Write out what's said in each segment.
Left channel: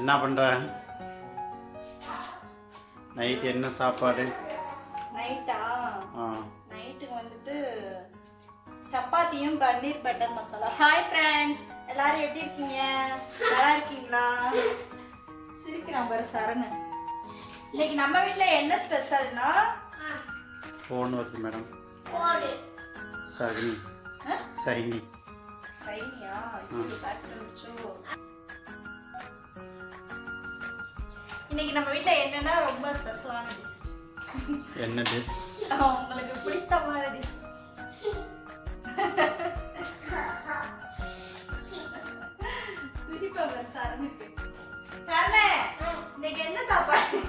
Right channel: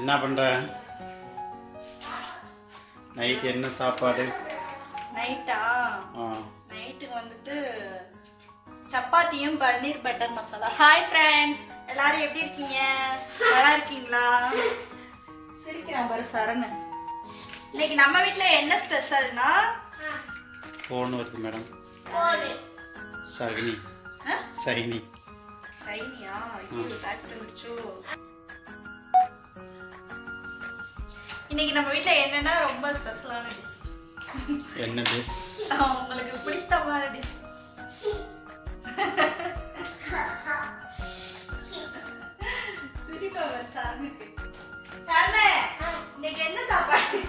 என்ன பண்ற? நைட் என்ன சாப்பாடு? நைட்டா? நைட்டுக்கு வந்துட்டு சப்பாத்தியும் பன்னீர் பட்டர் மசாலா. ஹாய் ஃப்ரெண்ட்ஸ், எல்லாரும் எப்படி இருக்கீங்க? நல்லா இருக்கீங்களா? சிரிக்கிறான் பாரு சரண். இன்னைக்கு நம்ம வீட்ல என்ன ஸ்பெஷல்னா ஃபோன் வருது மேடம். சைனி சைனி சைனியா? இது பேக் பண்ணிச்சோ. இன்னைக்கு நம்ம வீட்ல என்னன்னா ரொம்ப ஸ்பெஷலான டிஷ். என்ன டிஷ்? உங்களுக்கு பிடித்தமான டிஷ். சிரிப்பா பாரு சரணுக்கு. சரணே, இன்னைக்கு என்ன சாப்பாடு?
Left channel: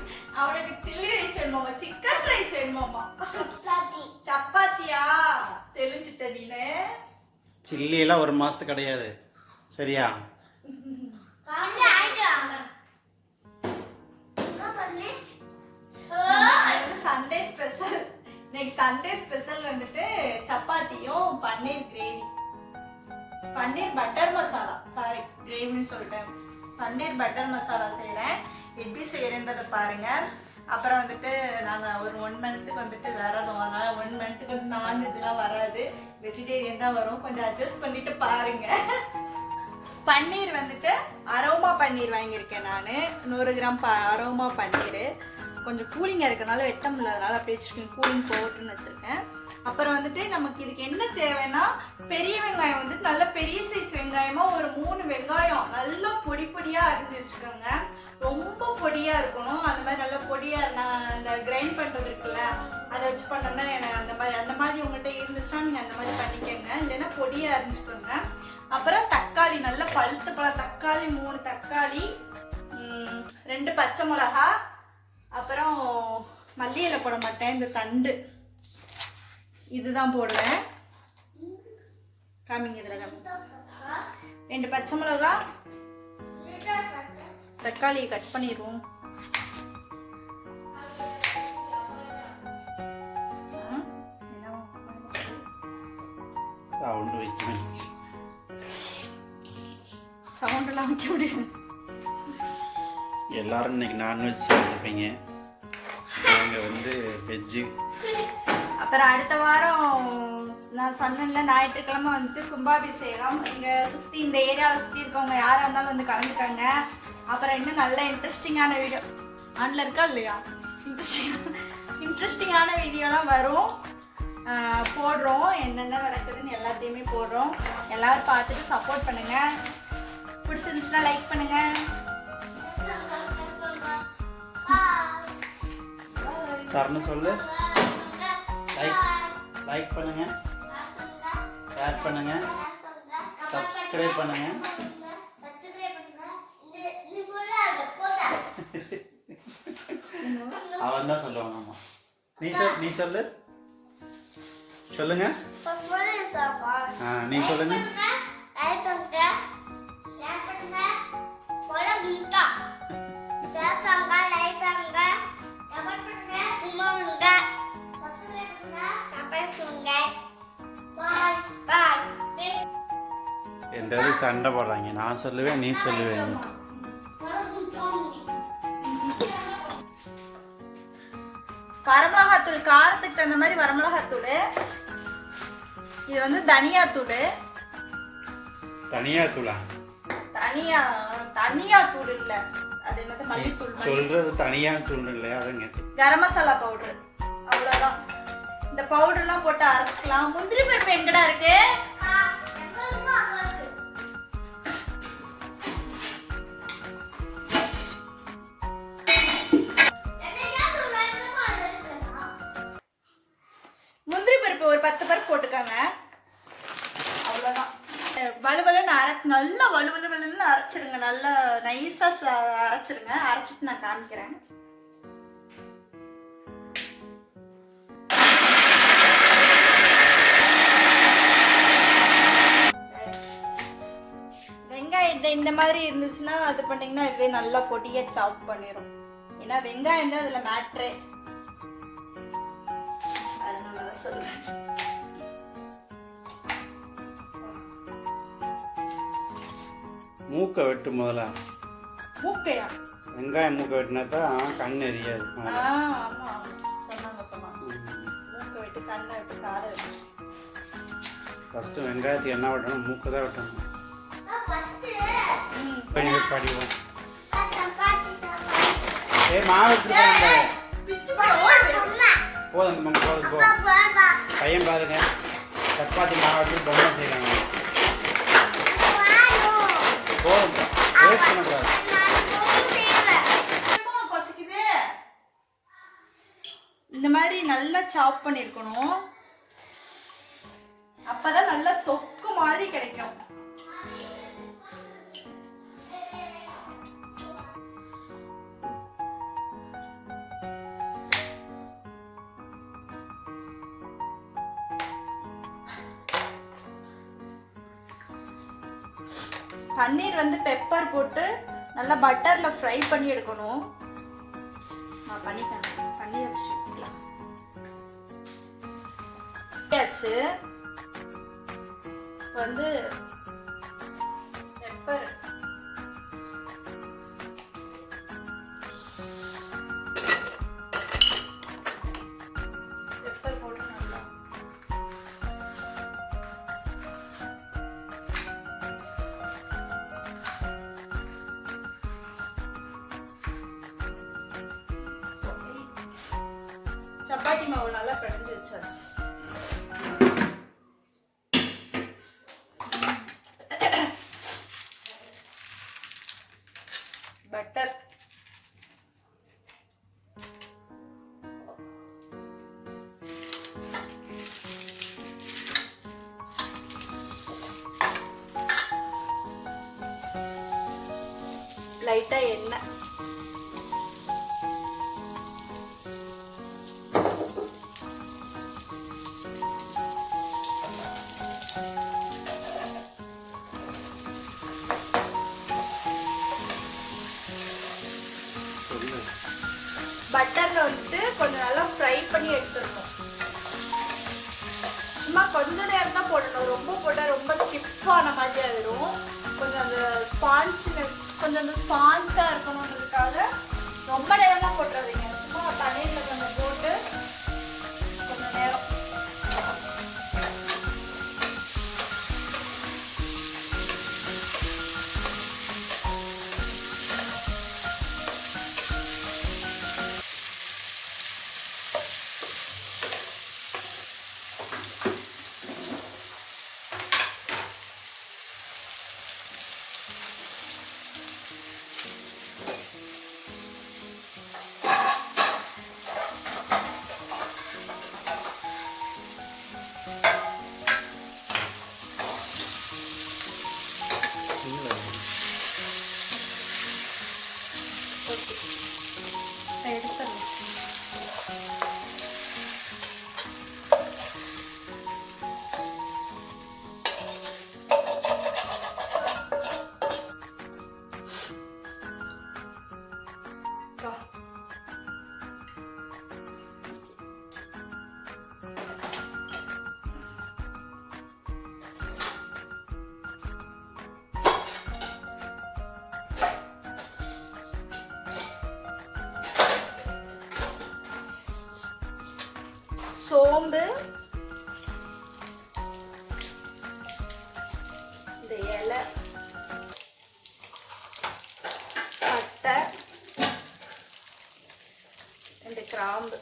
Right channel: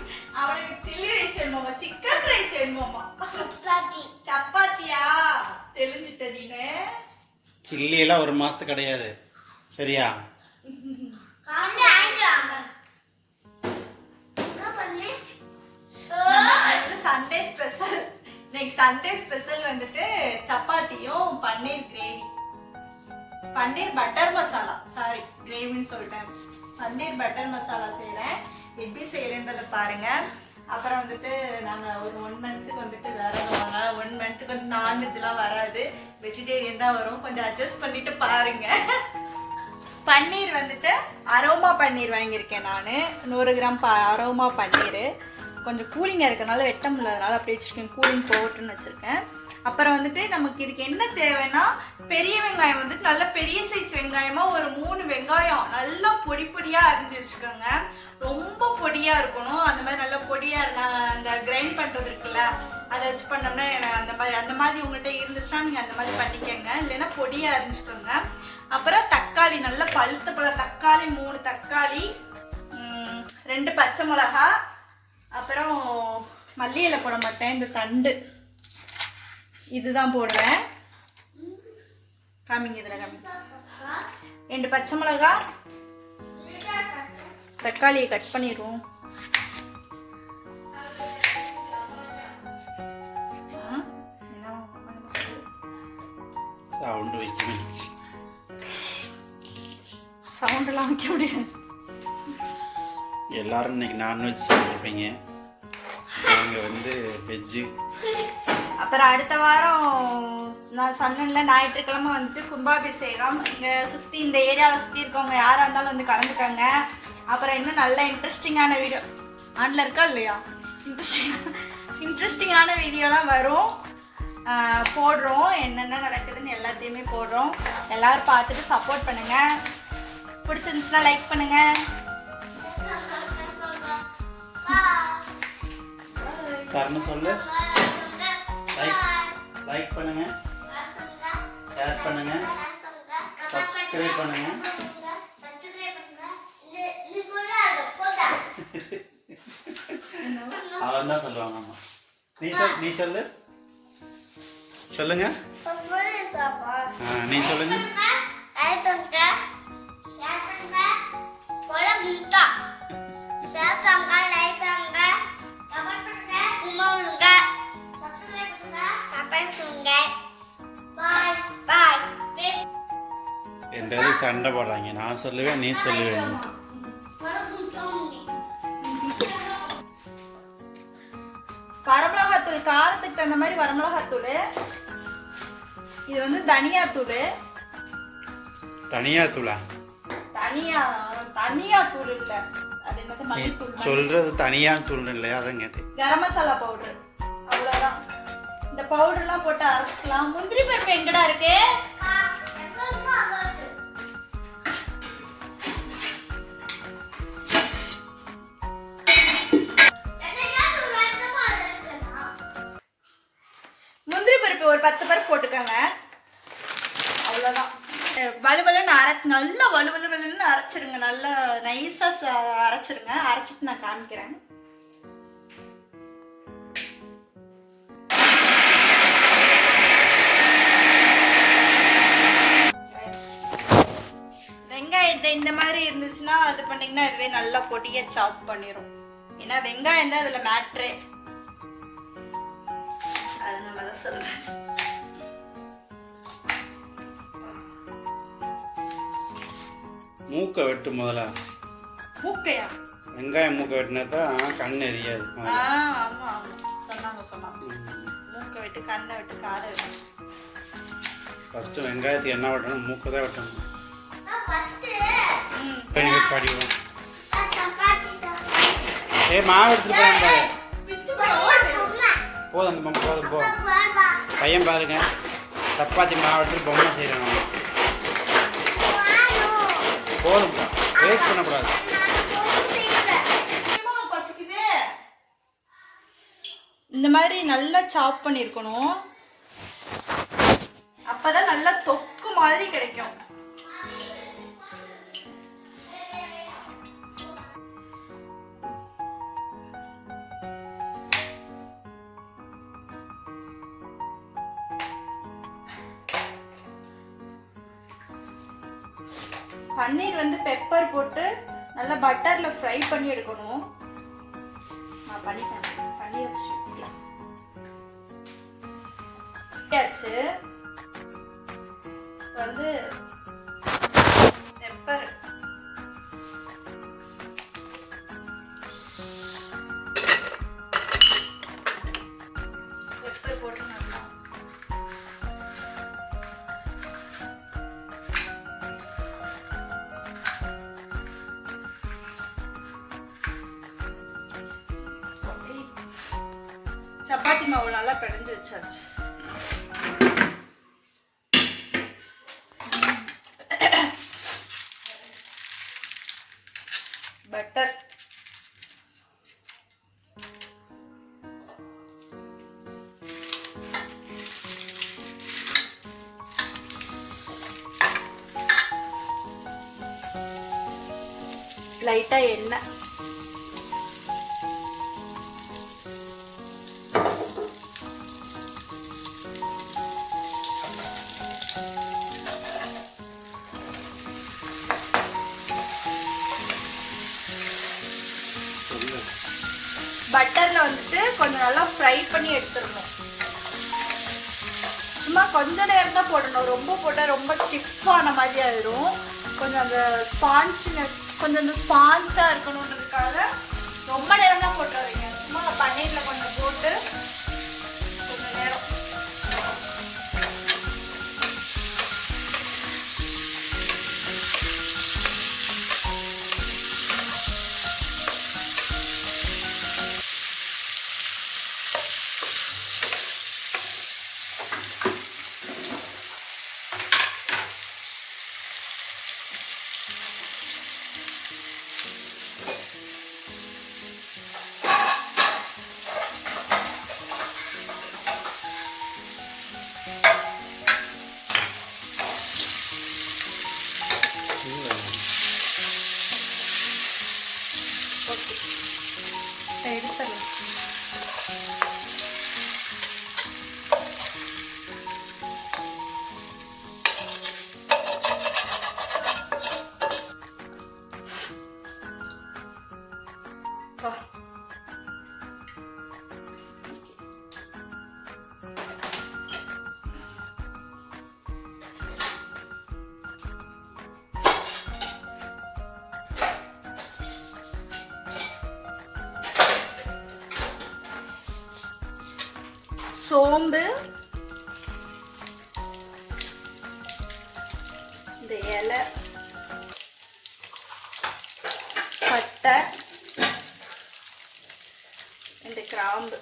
அவனுக்கு சில்லி ரைஸ் வேணுமாமா, சிக்கன் ரைஸ் வேணுமாமா. சப்பாத்தியா? தெரிஞ்சுட்ட நீனே. சில்லி எல்லாம் ஒரு மாசத்துக்கு கிடையாது, சரியா? Sunday special. இன்னைக்கு சண்டே ஸ்பெஷல் வந்துட்டு சப்பாத்தியும் பன்னீர் கிரேவி, பன்னீர் பட்டர் மசாலா. சாரி, கிரேவின்னு சொல்லிட்டேன். பன்னீர் பட்டர் மசாலா செய்கிறேன். எப்படி செய்கிறேன்றதை பாருங்க. அப்புறம் வந்துட்டு நாங்கள் ஒரு 1 மந்த்துக்கு வந்துட்டு விரதம். அதனால் 1 மந்த்துக்கு வந்து நான்வெஜ்லாம் வராது, வெஜிடேரியன் தான் வரும். கொஞ்சம் அட்ஜஸ்ட் பண்ணிட்டு பாருங்க. பன்னீர் வந்துட்டு அரோமா பன்னீர் வாங்கியிருக்கேன் நான். 100 கிராம் அரோமா பன்னீர். கொஞ்சம் கூலிங்காக இருக்கனால வெட்ட முடியாதனால அப்படியே வச்சுருக்கேன், கூலிங் போட்டுன்னு வச்சுருக்கேன். அப்புறம் வந்துட்டு நமக்கு இதுக்கு என்ன தேவைன்னா, பெரிய வெங்காயம் வந்துட்டு நல்ல பெரிய சைஸ் வெங்காயமாக ஒரு 3 வெங்காயம் நல்லா பொடி பொடியாக அரிஞ்சு வச்சுக்கோங்க. ரொம்ப பொடியாக இருக்கணும். அந்த மாதிரி நல்லா பொடியாக நான் இந்த கிரைண்ட் பண்ணுறது இருக்குல்ல, அதை வச்சு பண்ணோம்னா அந்த மாதிரி உங்கள்கிட்ட இருந்துச்சுன்னா நீங்கள் அந்த மாதிரி பண்ணிக்கோங்க, இல்லைன்னா பொடியாக அரிஞ்சுக்கோங்க. அப்புறம் தக்காளி, நல்லா பழுத்த பழ தக்காளி 3 தக்காளி, 2 பச்சை மிளகா, அப்புறம் மல்லி இலை போட மாட்டேன், இந்த தண்டு இதுதான் போடுவேன். காமிங்க, இதில் காமிங்க. 2 பச்சை மிளகா, தக்காளியை கட் பண்ணிடுவோம். சவுண்டு வைக்க சவுண்டெல்லாம் வைக்க முடியாது. எல்லாரும் இன்னைக்கு நான்வெஜ் சாப்பிட்ருப்பீங்க, நாங்கள் வந்து வெஜ்ஜு. அப்புறம் அடுத்த வாரம் நான் சொன்னேன்ல, ஞாயிற்றுக்கிழமை வந்துட்டு கும்பாபிஷேகம். இங்கே சுற்றி இந்த ஏரியாவில் சுற்றி இருக்கவங்க யாராக இருந்தாலும் வந்து கலந்துக்காங்க. அப்புறம் இன்னும் நல்ல இன்ட்ரெஸ்டிங்கான வீடியோ ஆன்ல இருக்கா இல்லையா, இன்ட்ரெஸ்டிங்கான வீடியோலாம் வரும், போடுறோம். என்னென்ன நடக்குதுன்னு எல்லாத்தையுமே போடுறோம். எல்லோரும் பார்த்துட்டு சப்போர்ட் பண்ணுங்கள். பிடிச்சிருந்துச்சுன்னா லைக் பண்ணுங்கள். சரணு சொல்லு. லைக் பண்ணுங்க, ஷேர் பண்ணுங்க, சப்ஸ்கிரைப் பண்ணுங்க. அவன் தான் சொல்லுவாங்கம்மா. நீ சொல்லு. சொல்லுங்க. நீ சொல்லுங்க. ரெண்டாவது சண்டை போடுறாங்க, நான் சொல்லுவேன் நீ சொல்லுவேன். வரமிளகாத்தூள், காரத்துக்கு தகுந்த மாதிரி வரமிளகாத்தூள். இது வந்து தனியாத்தூள். தனியாத்தூளா? தனியாத்தூள் இல்ல, அது என்னது மல்லித்தூள் சொல்றது. தனியாத்தூள் இல்லையா, அதான் கேட்டேன். கரம் மசாலா பவுடர், அவ்வளவுதான். இந்த பவுடர்லாம் போட்டு அரைச்சிக்கலாம். முந்திரி பருப்பு எங்கடா இருக்கு? முந்திரி பருப்பு ஒரு 10 பருப்பு போட்டுக்கோங்க, அவ்வளோதான். வலுவலுன்னு நல்லா வலுவலுன்னு அரைச்சிருங்க, நல்லா நைஸாக அரைச்சிருங்க. அரைச்சிட்டு நான் காமிக்கிறேன். வெங்காயம் இந்த மாதிரி இருந்துச்சுன்னா அது பண்ணிங்கன்னா இதுவே நல்லா பொடியாக சாப் பண்ணிடும். ஏன்னா வெங்காயம் தான் அதில் மேட்ரே, அதனால தான் சொல்லுவேன். மூக்கை வெட்டு முதல்ல. மூக்கையா? வெங்காயம் மூக்க வெட்டினா தான் கண் எரியாது. ஆமா ஆமா சொன்னாங்க. மூக்கை வெட்டு கண்ணை வெட்டு காதை வெட்டு. ஃபஸ்ட்டு வெங்காயத்துக்கு என்ன வெட்டணும்? மூக்கு தான் வெட்டணும். படிவோம். மாவு எடுத்துட்டு போதும் அந்த போதும் போ. பையன் பாருங்க சப்பாத்தி மாவு எடுத்துட்டு பொம்மை செய்கிறாங்க. போதும் வேஸ்ட் பண்ணக்கூடாது. இந்த மாதிரி நல்லா சாப் பண்ணியிருக்கணும். அப்பதான் நல்லா தொக்கு மாதிரி கிடைக்கும். பன்னீர் வந்து பெப்பர் போட்டு நல்லா பட்டர்ல ஃப்ரை பண்ணி எடுக்கணும். நான் பண்ணிட்டேன். பன்னீர் வச்சு வந்து பெப்பர் போட்டு நல்லா சப்பாத்தி மாவு நல்லா பிணைஞ்சு வச்சாச்சு. பட்டர் லைட்டா எண்ணெய் பட்டர்ல வந்துட்டு கொஞ்சம் நல்லா ஃப்ரை பண்ணி எடுத்துடணும். சும்மா கொஞ்ச நேரம் தான் போடணும். ரொம்ப போட்டால் ரொம்ப ஸ்டிஃபான மாதிரி ஆயிடும். கொஞ்சம் அந்த ஸ்பான்ச்னஸ் கொஞ்சம் அந்த ஸ்பான்ஸாக இருக்கணுன்றதுக்காக ரொம்ப நேரம்லாம் போட்டுறாதீங்க. சும்மா பன்னீரில் கொஞ்சம் போட்டு கொஞ்சம் நேரம் எடுத்துடலாம். சோம்பு, இந்த இலை, பட்டை, இந்த கிராம்பு,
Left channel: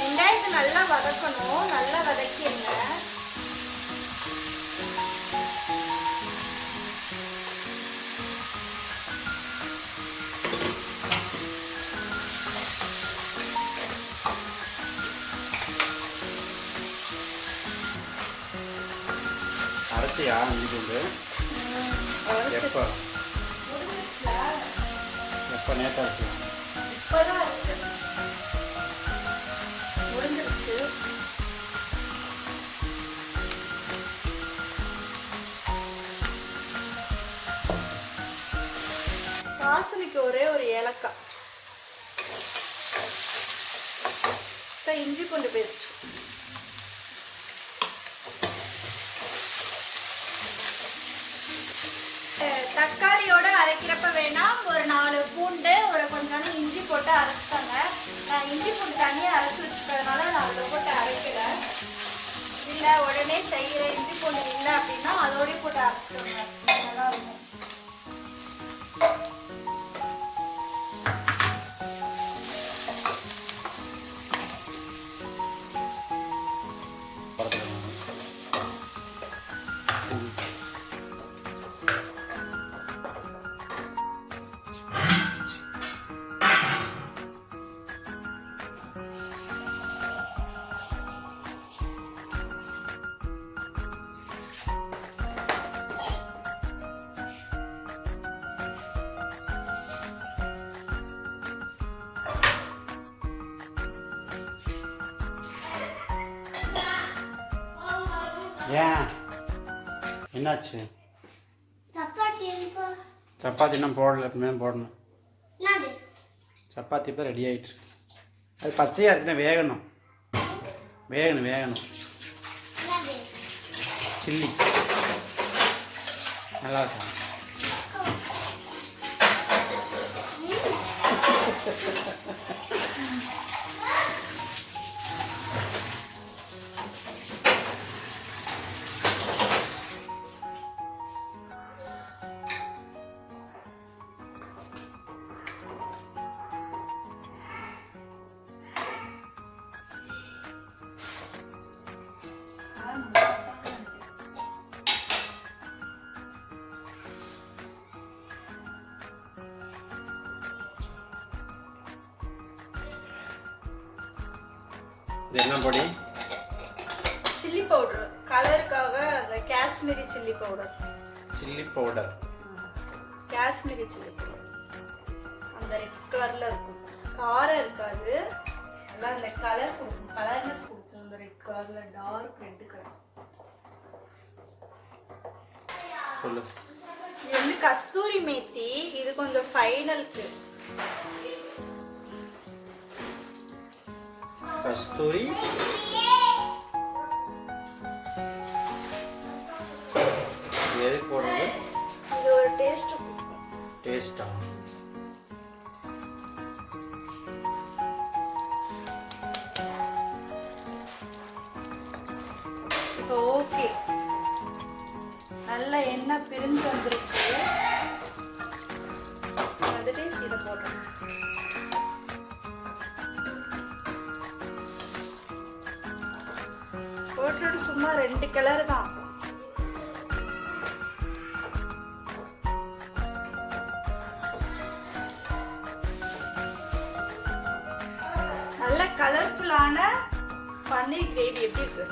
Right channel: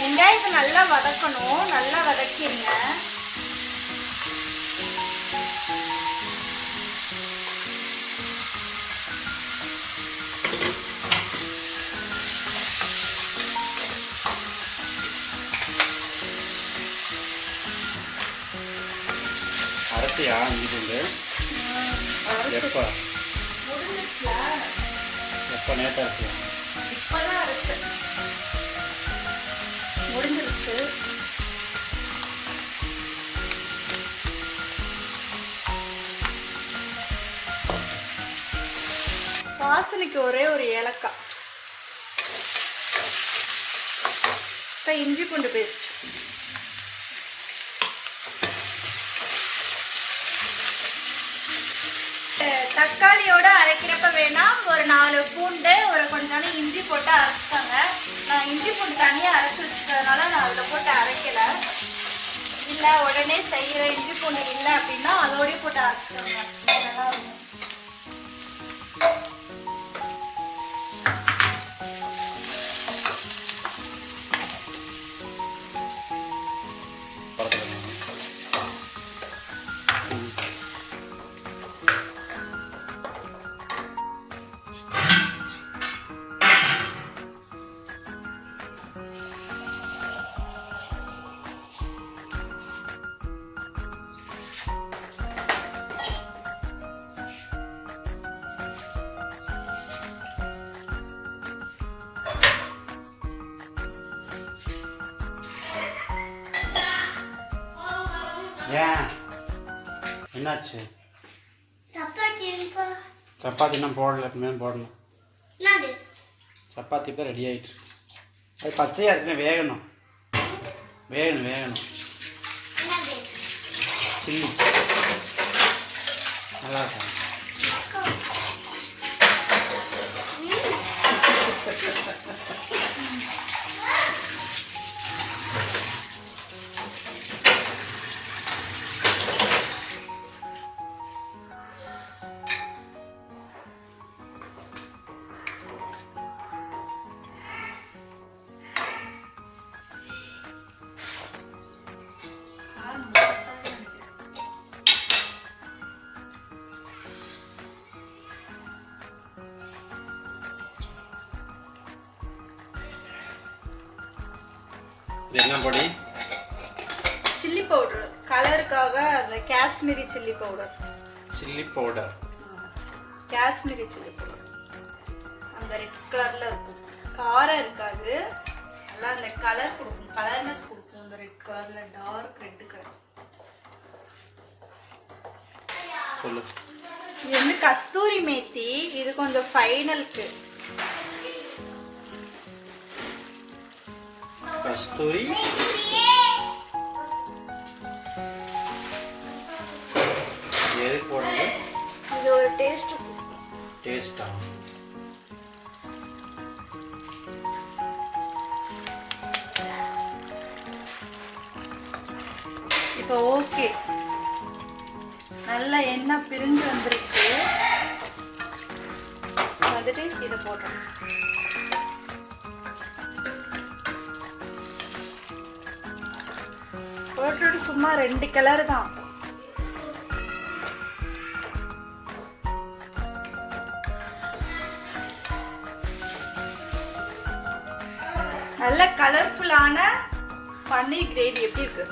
வெங்காயத்தை நல்லா வதக்கணும். நல்லா வதக்கிடுங்க. அரைச்சியா இங்கிட்டு எப்போ எப்போ நேற்று அரைச்சி இப்போதான் அரைச்சேன். முடிஞ்சிருச்சு. வாசனைக்கு ஒரே ஒரு ஏலக்காய். இப்போ இஞ்சி பூண்டு பேஸ்ட். தக்காளியோட அரைக்கிறப்ப வேணா ஒரு 4 பூண்டு ஒரு கொஞ்சோண்டு இஞ்சி போட்டு அரைச்சிட்டாங்க. நான் இஞ்சி பூண்டு தனியாக அரைச்சி வச்சுட்டதுனால நான் அதில் போட்டு அரைக்கல. இல்லை உடனே செய்கிற இஞ்சி பூண்டு இல்லை அப்படின்னா அதோடய போட்டு அரைச்சிக்கோங்க. நல்லா இருக்கும். ஏன் என்னாச்சு? சப்பாத்தி இன்னும் போடல, இனிமேல் போடணும். சப்பாத்தி இப்போ ரெடி ஆகிட்டு. அது பச்சையாக இருக்குன்னு வேகணும். வேகணும். சில்லி நல்லா இருக்கும். இது என்ன பொடி? Chilli powder. கலருக்காக அந்த Kashmiri chilli powder. Kashmiri chilli powder அந்த ரெட் கலர்ல இருக்கும். காரம் இருக்காது, நல்லா அந்த கலர் கொடுக்கும், கலர்னஸ் கொடுக்கும். அந்த ரெட் கலர்ல டார்க் ரெட் கலர். சொல்லு. இது வந்து கஸ்தூரி மேத்தி. இது கொஞ்சம் ஃபைனலுக்கு. கஸ்தூரி எதுக்கு போடுறது? இது ஒரு டேஸ்டா? இப்போ ஓகே, நல்லா எண்ணெய் பிரிஞ்சு வந்துருச்சு. வந்துட்டு இதை போட்டோம். போட்டுட்டு சும்மா 2 கலர் தான். நல்ல கலர்ஃபுல்லான பன்னீர் கிரேவி எப்படி இருக்கு?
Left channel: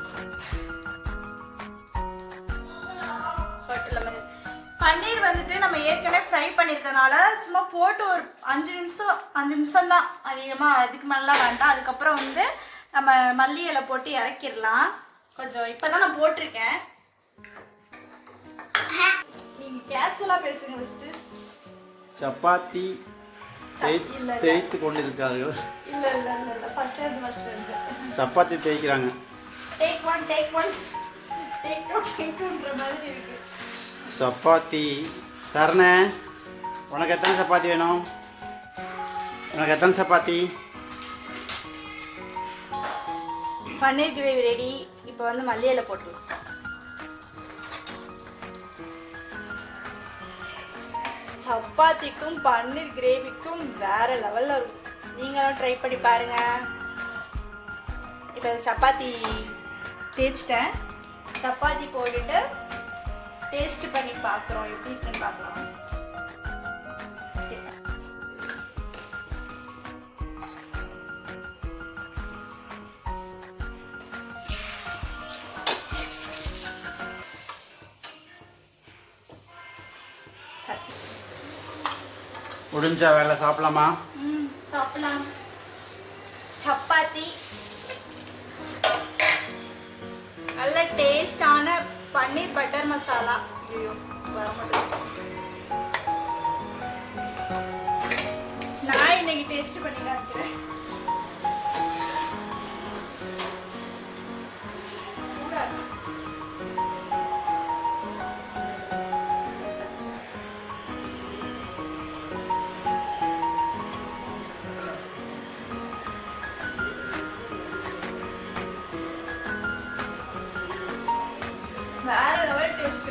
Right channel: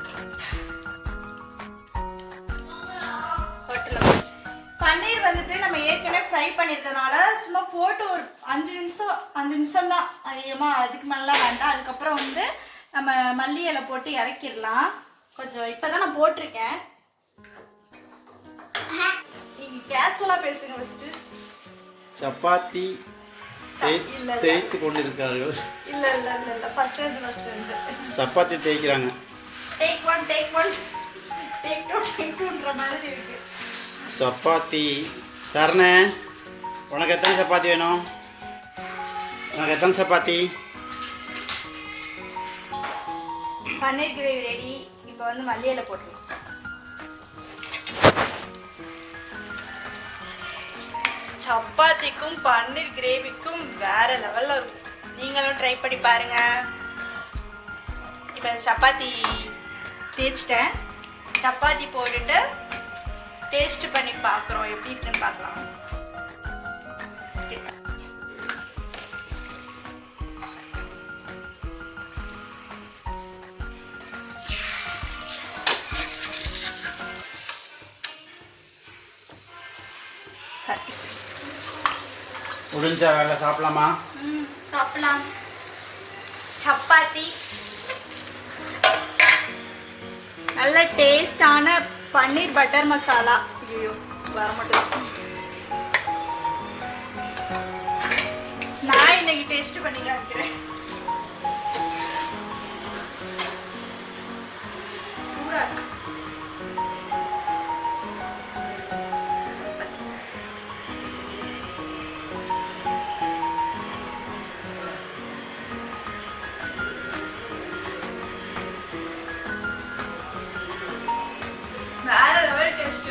பன்னீர் வந்துட்டு நம்ம ஏற்கனவே ஃப்ரை பண்ணியிருக்கனால சும்மா போட்டு ஒரு 5 நிமிஷம் தான், அதிகமாக அதுக்கு மேலாம் வேண்டாம். அதுக்கப்புறம் வந்து நம்ம மல்லி இலை போட்டு இறக்கிடலாம். கொஞ்சம் இப்போதான் நான் போட்டிருக்கேன். நீங்க கேஷுவலா பேசுங்க. ஃபர்ஸ்ட் சப்பாத்தி தேய்த்து கொண்டிருக்கார்கள். இல்ல இல்ல இல்ல இல்ல ஃபர்ஸ்ட் வந்து சப்பாத்தி தேய்க்கிறாங்க. டேக் ஒன் டேக் டூன்ற மாதிரி இருக்கு. சப்பாத்தி. சரணே, உனக்கு எத்தனை சப்பாத்தி வேணும்? சப்பாத்தி? பன்னீர் கிரேவி ரெடி. இப்போ வந்து மல்லி இலை போட்டுருவோம். சப்பாத்திக்கும் பன்னீர் கிரேவிக்கும் வேற லெவல்ல இருக்கும். நீங்களும் ட்ரை பண்ணி பாருங்க. இப்போ சப்பாத்தி தேய்ச்சிட்டேன். சப்பாத்தி போட்டுட்டு டேஸ்ட் பண்ணி பார்க்குறோம், எப்படி இருக்குன்னு பார்க்கலாம். முடிஞ்சா வேலை சாப்பிடலாமா? சாப்பிடலாம். சப்பாத்தி, நல்ல டேஸ்டான பன்னீர் பட்டர் மசாலா. ஐயோ வர மாட்டேங்குது. டேஸ்ட் பண்ணி காமிக்கிறேன். சூடா இருக்கு. வேற லெவல் டேஸ்ட்.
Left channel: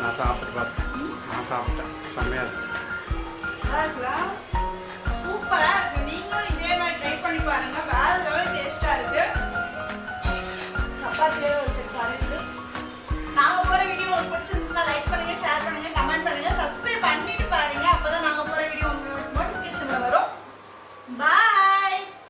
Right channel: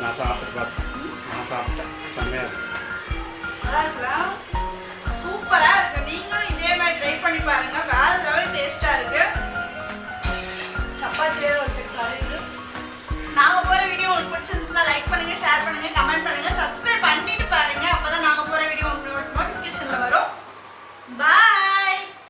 நான் சாப்பிட்டு பார்த்தேன். நான் சாப்பிட்டேன். செம்மையாக இருக்கு. நல்லா இருக்குல்ல?